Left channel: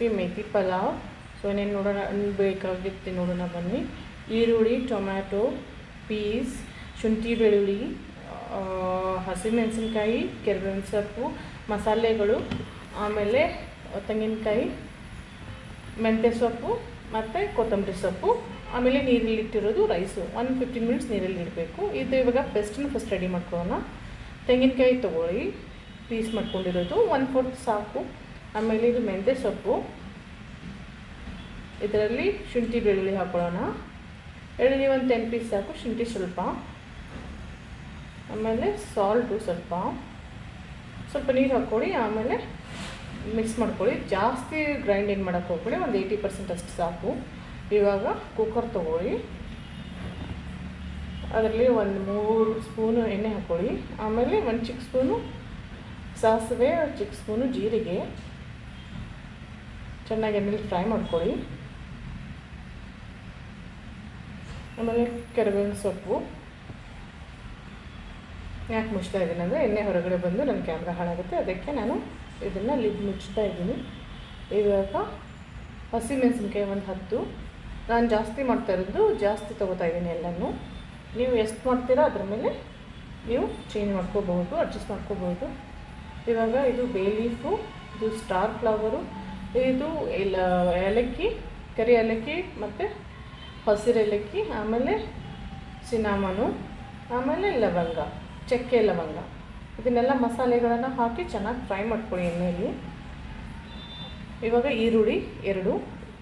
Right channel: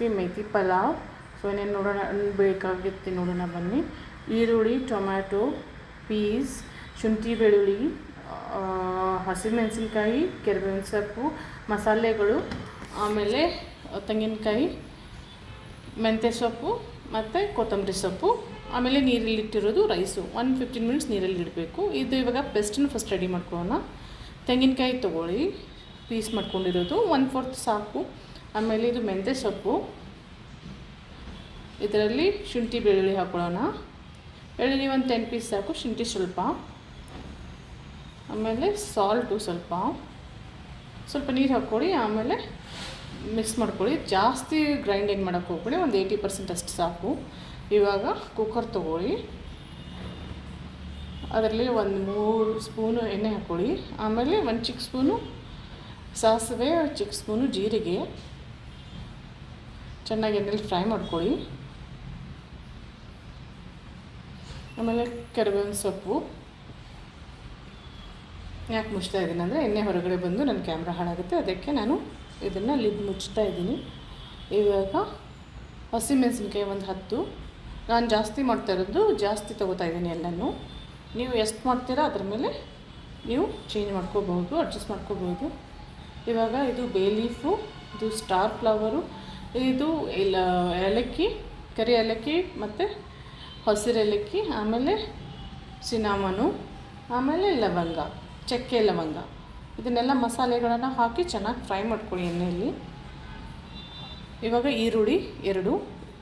Recipe methi pulao. So ಏನೇನು ನೋಡೋಣ ಬೇಕಾಗುತ್ತೆ ನೋಡೋಣ ಬನ್ನಿ. ಈರುಳ್ಳಿ, ಟೊಮ್ಯಾಟೊ, ಪೀಸ್, ಶುಂಠಿ ಬೆಳ್ಳುಳ್ಳಿ, ಹಸಿಮೆಣಸಿನ್ಕಾಯಿ, ಕರಿಬೇವಿನ ಸೊಪ್ಪು, ಮಸಾಲೆಗಳು, ಆಮೇಲೆ ತೆಂಗಿನಕಾಯಿ, ಮೆಂತ್ಯ ಸೊಪ್ಪು ಮತ್ತು ಕೊತ್ತಂಬರಿ ಸೊಪ್ಪು, ಆಮೇಲೆ ನೀರಲ್ಲಿಟ್ಟಿರೋದು ರೈಸು. 15 ಮಿನಿಟ್ಸ್ ನೀರಲ್ಲಿ ಇಡಬೇಕು. ಇದು ಇವಾಗ ಪೇಸ್ಟನ್ನು ಫಸ್ಟ್ ರೆಡಿ ಮಾಡ್ಕೊಳ್ಳೋಣ. ತೆಂಗಿನಕಾಯಿ ತೊಗೊಳ್ಳಿ, ಪೀಸ್ ಮಾಡ್ಕೊಂಡಿರೋದು 1/4 ಸಾಕು. ಆಮೇಲೆ ಇದು ಮೆಂತ್ಯ ಸೊಪ್ಪು, ಇದರಲ್ಲಿ ಶುಂಠಿ ಬೆಳ್ಳುಳ್ಳಿ ಹಾಕೊಳ್ಳೋಣ. ಬೆಳ್ಳುಳ್ಳಿ ಒಂದು 10 ಪೀಸ್ ಸಾಕು, ಶುಂಠಿ ಸ್ವಲ್ಪ, ಆಮೇಲೆ ಸಾಲ್ಟು ಸ್ವಲ್ಪ ನೀರು ಹಾಕ್ಕೊಳ್ಳಿ. ಆಮೇಲೆ ಮಿಕ್ಸ್ ಮಾಡ್ಕೊಳ್ಳಿ. ಜಾಸ್ತಿ ಗ್ರೈಂಡಿಂಗ್ ಮಾಡೋಕ್ಕೆ ಹೋಗ್ಕೊಳ್ಳಿ, ಒಂದು 80% ಅಷ್ಟು ಸಾಕು. ಇವಾಗ ಕುಕ್ಕರ್ ತೊಗೊಳ್ಳಿ, ಅದರಲ್ಲಿ ಒಂದು 3 ಸ್ಪೂನು ಎಣ್ಣೆ ಹಾಕ್ಕೊಳ್ಳಿ. ಆಮೇಲೆ 1 ಚಿಕ್ಕ ಸ್ಪೂನು ಸಾಸಿವೆ, 1 ಚಿಕ್ಕ ಸ್ಪೂನು ಜೀರಿಗೆ ಚೆನ್ನಾಗಿ ಎಣ್ಣೆಲಿ ಫ್ರೈ ಮಾಡ್ಕೊಳ್ಳಿ. ಆಮೇಲೆ ಕರಿಬೇವಿನ ಸೊಪ್ಪು. ಯಾಕೆ ಮುಚ್ತಾ ಇದ್ದೀನಿ ಅಂದರೆ ಎಣ್ಣೆ ಹೊರಗಡೆ ಬಂದು ನನ್ನ ಕ್ಯಾಮ್ರಾ ಹಾಳಾಗುತ್ತೆ, ಅದಕ್ಕೆ ನಾನು ಇದನ್ನು ಲಿಡ್ ಮುಚ್ತಾ ಇದ್ದೀನಿ. ಇವಾಗ ಹಸಿಮೆಣಸಿನ್ಕಾಯಿ ಒಂದು 10. ನಾನು ಜಾಸ್ತಿ ಮಾಡ್ತಾ ಇರೋದು ಜಾಸ್ತಿ ತೊಗೋತಾ ಇದ್ದೀನಿ ಎಲ್ಲನೂ. ನೀವು ಎಷ್ಟು ಮಾಡ್ತೀರಾ ಅದ್ರ ಮೇಲೆ ನೀವು ಚೇಂಜ್ ಮಾಡ್ಕೋಬಹುದು, ಅಡ್ಜಸ್ಟ್ ಮಾಡ್ಕೋಬೋದು. ಇವಾಗ ಇದು ಬೇ ಲೀಫು, ಇದು ಸ್ಟಾರ್ ಫ್ಲವರು, ಇದು ಏಲಕ್ಕಿ, ಕರಿ ಏಲಕ್ಕಿ ಮತ್ತು ಹಸಿರು ಏಲಕ್ಕಿ, ಆಮೇಲೆ ಸಿನಾಮನು, ಆಮೇಲೆ ಲವಂಗ, ಚಕ್ಕೆ ಲವಂಗ, ಇದನ್ನೆಲ್ಲ ಮಸಾಲೆಗಳನ್ನು ಹಾಕಿ ಚೆನ್ನಾಗಿ ಫ್ರೈ ಮಾಡ್ಕೊಳ್ಳಿ ಎಣ್ಣೆಯಲ್ಲಿ. ಇವಾಗ ಈರುಳ್ಳಿ 2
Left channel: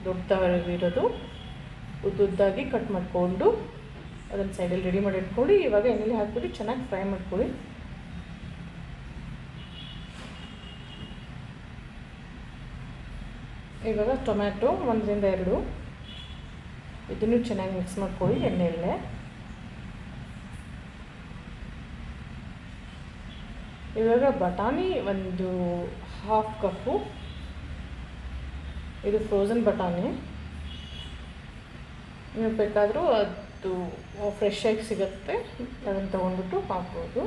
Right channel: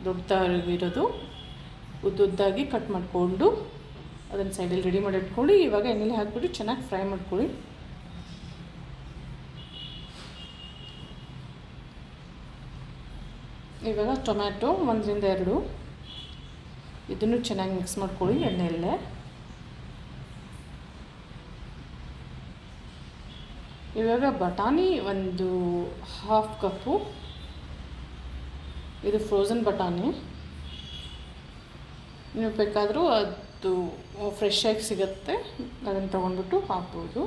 ದೊಡ್ಡದಾಗಿರೋದು ಉದ್ದುದ್ದಾಗಿ ಕಟ್ ಮಾಡಿಕೊಂಡು ಅದನ್ನು ಸೈಡಲ್ಲಿ ರೆಡಿ ಮಾಡಿ ಇಟ್ಕೊಳ್ಳಿ. ಇವಾಗ ಎಣ್ಣೆಲಿ ಹಾಕ್ಬಿಟ್ಟು ಚೆನ್ನಾಗಿ ಫ್ರೈ ಮಾಡ್ಕೊಳ್ಳಿ. ಇವಾಗ ಟೊಮ್ಯಾಟೊ 1ರಿಂದ 2, ಇದನ್ನು ಚೆನ್ನಾಗಿ ಮಿಕ್ಸ್ ಮಾಡ್ಕೊಳ್ಳಿ ಎಣ್ಣೆಯಲ್ಲೇ. ಇವಾಗ ಬಟಾಣಿ ಒಂದು 1/2 ಕಪ್ಪು, ಇದು ಫ್ರೋಝನ್ ಬಟಾಣಿ. ನೀವು ಬೇಕಾದರೂ ಅದು ಫ್ರೆಶ್ ಆಗಿ ಸಿಗುತ್ತೆ, ಅದನ್ನು ತೊಗೊಂಡ್ಬಿಟ್ಟು ಹಾಕ್ಬೋದು.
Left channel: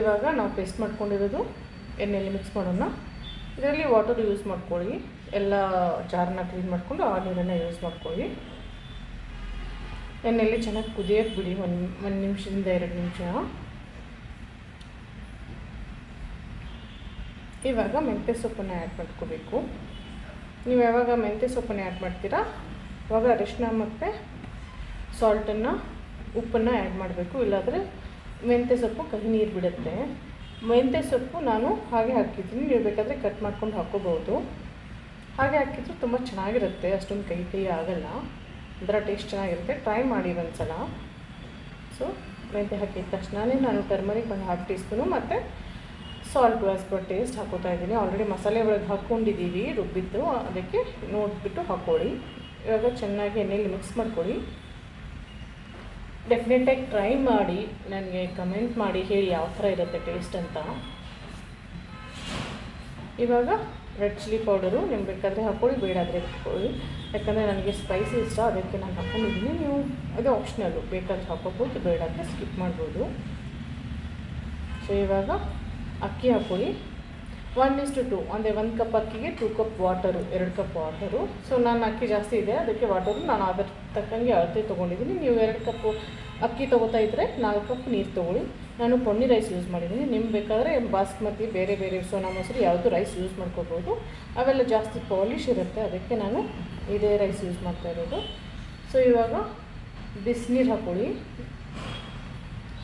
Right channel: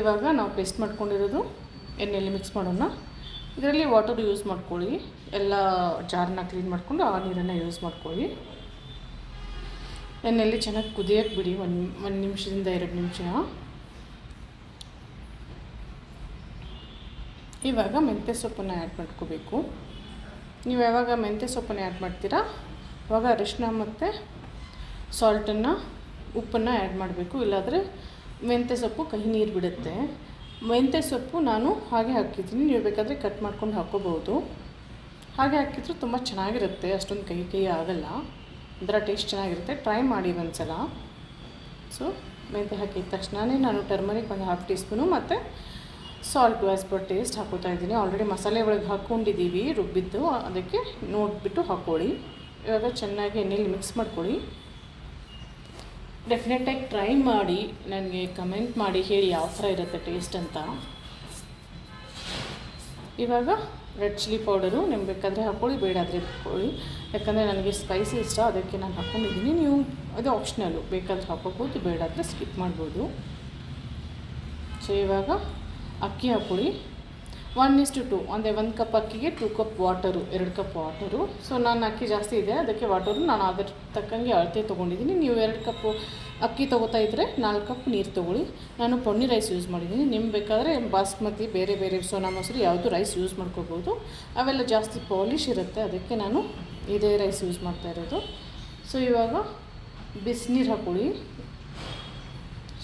ಇವಾಗ ನಾವು ಪೇಸ್ಟ್ ಮಾಡ್ಕೊಂಡಿರೋದು ಎಣ್ಣೆಯಲ್ಲಿ ಮಿಕ್ಸ್ ಮಾಡೋಣ. ಇದರಲ್ಲಿ ವಾಟರ್ ಯೂಸ್ ಮಾಡ್ಕೊಳ್ಳಿ, ಎಲ್ಲ ಜಾರನ್ನ ಕ್ಲೀನ್ ಮಾಡಿಕೊಂಡು ಆ ನೀರನ್ನು ಯೂಸ್ ಮಾಡ್ಕೊಳ್ಳಿ. ಎಣ್ಣೆಯಲ್ಲಿ ಚೆನ್ನಾಗಿ ಕುದಿಯೋಕ್ಕೆ ಬಿಡಿ, 1 ನಿಮಿಷದಿಂದ 2 ನಿಮಿಷ. ಇವಾಗ ಮೆಂತ್ಯ ಸೊಪ್ಪನ್ನು ಆ್ಯಡ್ ಮಾಡ್ಕೋಬೇಕು. ನೀವು ಯಾವಾಗ ಮೆಂತ್ಯ ಸೊಪ್ಪನ್ನು ಆ್ಯಡ್ ಮಾಡ್ತೀರಾ ಆವಾಗ ಅರಿಶಿನ ಮತ್ತು ಸಾಲ್ಟನ್ನು, ಉಪ್ಪನ್ನು ಆ್ಯಡ್ ಮಾಡಬೇಕು, ಇಲ್ಲಾಂದರೆ ಮೆಂತ್ಯ ಸೊಪ್ಪು ಕಹಿ ನೀರು ಬಿಡುತ್ತೆ. ಮೆಂತ್ಯ ಸೊಪ್ಪು ನಾನು ಹಾಗೆ ಹಾಕಿದ್ದೀನಿ, ನೀವು ಬೇಕಾದರೆ ಕಟ್ ಮಾಡ್ಕೊಂಡು ಹಾಕ್ಕೋಬೋದು. ಹಾಗೆ ಹಾಕಿದ್ರು ತುಂಬ ಚೆನ್ನಾಗಿರುತ್ತೆ, ಅಷ್ಟೊಂದು ಕಹಿ ಆಗೋಲ್ಲ, ಅದರ ಟೇಸ್ಟ್ ಚೆನ್ನಾಗಿರುತ್ತೆ. ಟ್ರೈ ಮಾಡಿ ಒಂದು ಸಲ. ಸೊ ಮೆಂತ್ಯ ಹಾಕಿದ ತಕ್ಷಣವೇ ನಾನು ಟರ್ಮರಿಕ್ ಒಂದು 1/2 ಟೀ ಸ್ಪೂನು ಮತ್ತು ಸಾಲ್ಟು ಆ್ಯಸ್ ಪರ್ ಟೇಸ್ಟ್ ಹಾಕೋತಾ ಇದ್ದೀನಿ. ಆಲ್ರೆಡಿ ಮಸಾಲೆ ಒಳಗೆ ಹಾಕ್ಕೊಂಡಿದ್ದೀವಿ ರುಬ್ಬಿದ್ದು, ಅದಕ್ಕೆ ನೋಡಿಬಿಟ್ಟು ಹಾಕ್ಕೊಳ್ಳಿ. ಇವಾಗ ಚೆನ್ನಾಗಿ ಎಣ್ಣೆಯಲ್ಲಿ ಮಿಕ್ಸ್ ಮಾಡ್ಕೊಳ್ಳಿ. ಡೆಫಿನೆಟಾಗಿ ಟ್ರೈ ಮಾಡಿ, ನನಗೆ ಕಮೆಂಟ್ ಮಾಡಿ ಹೇಳಿ ಯಾವ ಥರ ಇರುತ್ತೆ ಟೇಸ್ಟ್ ಅಂತ. ಇವಾಗ ರೆಡ್ ಚಿಲ್ಲಿ ಪೌಡರು ನಿಮ್ಗೆ ಬೇಕಾದರೆ ಹಾಕ್ಕೊಳ್ಳಿ, ಬೇಡಾದರೆ ಹಾಕ್ಕೊಳ್ಳಿ. ಯಾಕಂದರೆ ನನಗೆ ಸ್ಪೈಸಿ ಇಷ್ಟ, ಅದಕ್ಕೆ ನಾನು ಹಾಕ್ಕೊಂಡಿದ್ದೀನಿ. ನೀವು ಅದು ಆಪ್ಷನಲ್ಲು, ಬೇಕಾದರೆ ಹಾಕೋಬೋದು, ಬೇಡಾದರೆ ಸ್ಕಿಪ್ ಮಾಡ್ಬೋದು. ಸೊ ಇವಾಗ ಅಕ್ಕಿ ಹಾಕ್ಕೊಳ್ಳಿ. 1:2, ಅಂದರೆ 1 ಕಪ್ ಅಕ್ಕಿಗೆ 2 cup water, 2 cup water. So ನಾನು ಅಕ್ಕಿ ಜಾಸ್ತಿ ಇದೆ, ಅದಕ್ಕೆ ವಾಟರು ನಾನು ಅದರ ತಕ್ಕಂಗೆ ಅಳತೆ ತೊಗೊಂಡಿದ್ದೀನಿ. ನೀವು 2 ಕಪ್ಪು ಅಕ್ಕಿ ತೊಗೋತಾ ಇದ್ದರೆ 4 ಕಪ್ ನೀರು ತೊಗೊಳ್ಳಿ. ನಾನು ಪೊನ್ನಿ ರೈಸ್ ಯೂಸ್ ಮಾಡಿದ್ದೀನಿ, ನಿಮ್ಗೆ ಬೇಕಾದರೆ ಬಾಸ್ಮತಿ, ಬೇರೆ ಸೋನಾ ಮಸೂರಿ ಯಾವುದು ರೈಸ್ ಯೂಸ್ ಮಾಡ್ಕೋಬೋದು. ಅವೆಲ್ಲ ಜಾಸ್ತಿ ಪಾಲಿಶ್ ಇರುತ್ತೆ, ಅದಕ್ಕೆ ನಾನು ಇದೇ ರೈಸ್ ಯೂಸ್ ಮಾಡ್ತಾ ಇರೋದು. ಸೊ ಇವಾಗ ಬಿಸಿನೀರು ಹಾಕ್ಕೊಳ್ಳಿ.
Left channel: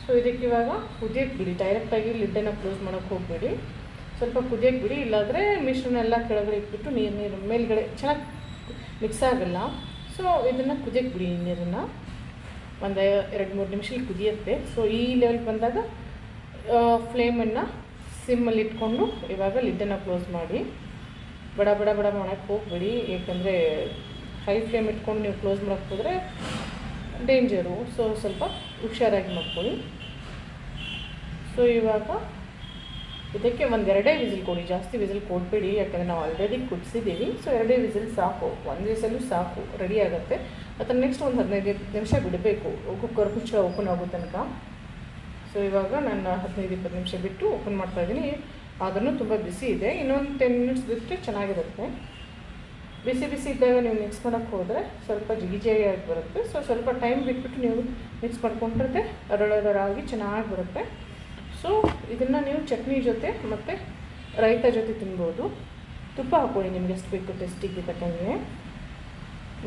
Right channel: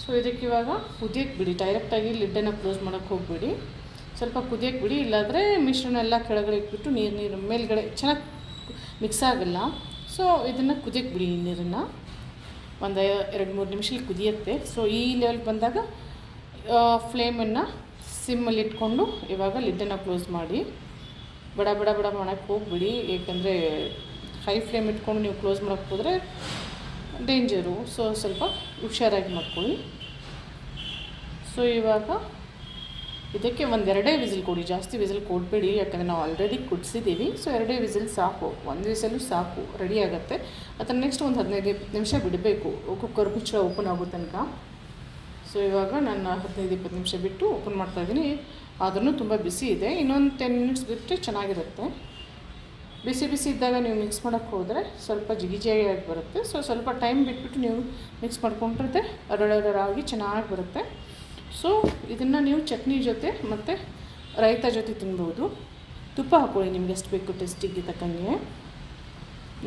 ಸೊ ಇದಕ್ಕೆ ಇವಾಗ ಕುದಿಯೋಕ್ಕೆ ಬಿಡಿ, ಡೈರೆಕ್ಟಾಗಿ ಲಿಡ್ಡನ್ನು ಕ್ಲೋಸ್ ಮಾಡೋಕ್ಕೆ ಹೋಗಬೇಡಿ, ಸ್ವಲ್ಪ ಕುದಿಯೋಕ್ಕೆ ಬಿಡಿ. ಇಲ್ಲಾಂದರೆ ಮಿಶ್ರಣ ಎಲ್ಲ ಕೆಳಗಡೆ ಇಟ್ಬಿಟ್ಟು ನೀರು ಮೇಲ್ಗಡೆ ಚೆನ್ನಾಗಿ ಮಿಕ್ಸ್ ಆಗೋಲ್ಲ. ಸೊ ಇದನ್ನು ಕುದಿಯೋಕ್ಕೆ ಬಿಡಿ, ನೀರನ್ನು ಒಂದು 2-3 ನಿಮಿಷದಲ್ಲಿ ಕುದಿಯುತ್ತೆ. ಸೊ ಈ ಲೆವೆಲ್ಗೆ ಬಂದಾಗ ಫ್ಲೇಮನ್ನು ಸಿಮ್ಮಲ್ಲಿ ಇಟ್ಕೊಂಡು ಇವಾಗ ಲಿಡ್ಡನ್ನು ಕ್ಲೋಸ್ ಮಾಡಿ. ಬಡ ಮಾಡೋಕ್ಕೆ ಹೋಗ್ಬಿಡಿ, ಏಕೆಂದರೆ ಹೈ ಫ್ಲೇಮ್ ಇಟ್ಕೊಂಡು ನೀವು ಕ್ಲೋಸ್ ಮಾಡೋಕ್ಕೆ ಹೋದರೆ ಡೇಂಜರು. ಸೊ ಸ್ವಲ್ಪ ಹುಷಾರಾಗಿ ಮಾಡ್ಕೊಳ್ಳಿ. ಸೊ ಇವಾಗ ಇದಕ್ಕೆ 2 ವಿಸಿಲ್ ಕೊಡಿ, ಜಾಸ್ತಿ ವಿಸಿಲ್ ಕೊಡಬೇಡಿ, ಯಾಕಂದರೆ ನಾವು ಆಲ್ರೆಡಿ ಕುದಿಸಿದ್ದೀವಿ. ಸೊ 2 ವಿಸಿಲ್ ಸಾಕು, 1 ವಿಸಲು ಸಾಕು, ರೆಡಿ ಆಗುತ್ತೆ. ಅದರ ನೆಕ್ಸ್ಟ್ ಒಂದು 15 ನಿಮಿಷ ಬಿಡಬೇಕು, ಕುಕ್ಕರ್ ಓಪನ್ ಆಗೋ ತನಕ. ಸೊ ಇವಾಗ ನಾನು 15-20 ನಿಮಿಷ ಬಿಟ್ಟು ಓಪನ್ ಮಾಡ್ತಾಯಿದ್ದೀನಿ. ಅದನ್ನು ತುಂಬ ಬಿಸಿ ಇದೆ. ಇನ್ನೊಂದು 10 ಮಿನಿಟ್ಸ್ ಬಿಟ್ಟರೆ ಚೆನ್ನಾಗಿರುತ್ತೆ. ಬಿಸಿ ಬಿಸಿ ಇದ್ದಾಗ ನೀವು ಮಿಕ್ಸ್ ಮಾಡೋಕ್ಕೆ ಹೋದರೆ ಸ್ವಲ್ಪ ಜಿಗಿಜಿಗಿಯಾಗಿ ಬರುತ್ತೆ. ಸೊ ಸ್ವಲ್ಪ ಟೈಮ್ ಬಿಟ್ಬಿಟ್ಟು ನೀವು ಮಿಕ್ಸ್ ಮಾಡ್ಕೊಂಡ್ರೆ ಅರಳರಾಗಿ ಚೆನ್ನಾಗಿ ಬರುತ್ತೆ. ಸೊ ಇದನ್ನು ನೀವು ಚಟ್ನಿ ಜೊತೆ ಮತ್ತು ರೈತ ಜೊತೆ ತಿನ್ಬೋದು. ತುಪ್ಪ ಹಾಕ್ಕೊಳ್ಳಿ ನಿಮ್ಗೆ ಎಷ್ಟು ಬೇಕು ಟೇಸ್ಟಿಗೆ ತಕ್ಕಂಗೆ.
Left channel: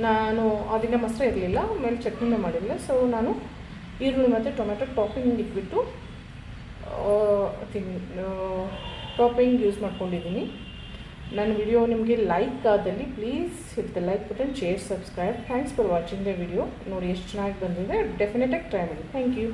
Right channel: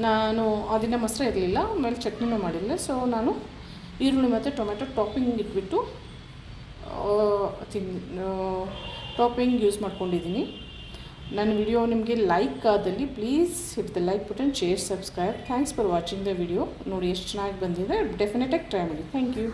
ನಾನು ಆ ದಿನ ಮೊಸರು ಇರಲಿಲ್ಲ, ಆಮೇಲೆ ಚಟ್ನಿನೂ ಮಾಡಿಲ್ಲ. ಸೊ ನಾನು ಈರುಳ್ಳಿ ಮತ್ತು ಟೊಮೆಟೊ ಟಾಪಿಂಗ್ ಇಟ್ಬಿಟ್ಟು ಟಾಪಿಂಗ್ ಯೂಸ್ ಮಾಡ್ಕೊಂಡಿದ್ದೀನಿ. ನನ್ನ ವಿಡಿಯೋ ನಿಮಗೆ ಲೈಕ್ ಆದಲ್ಲಿ please hit the like button, share, subscribe. Thanks for watching the video. ನೋಡಿ ಎಷ್ಟು ಚೆನ್ನಾಗಿ ಬಂದಿದೆ. ಡೆಫಿನೆಟಾಗಿ ಟ್ರೈ ಮಾಡಿ. Thank you.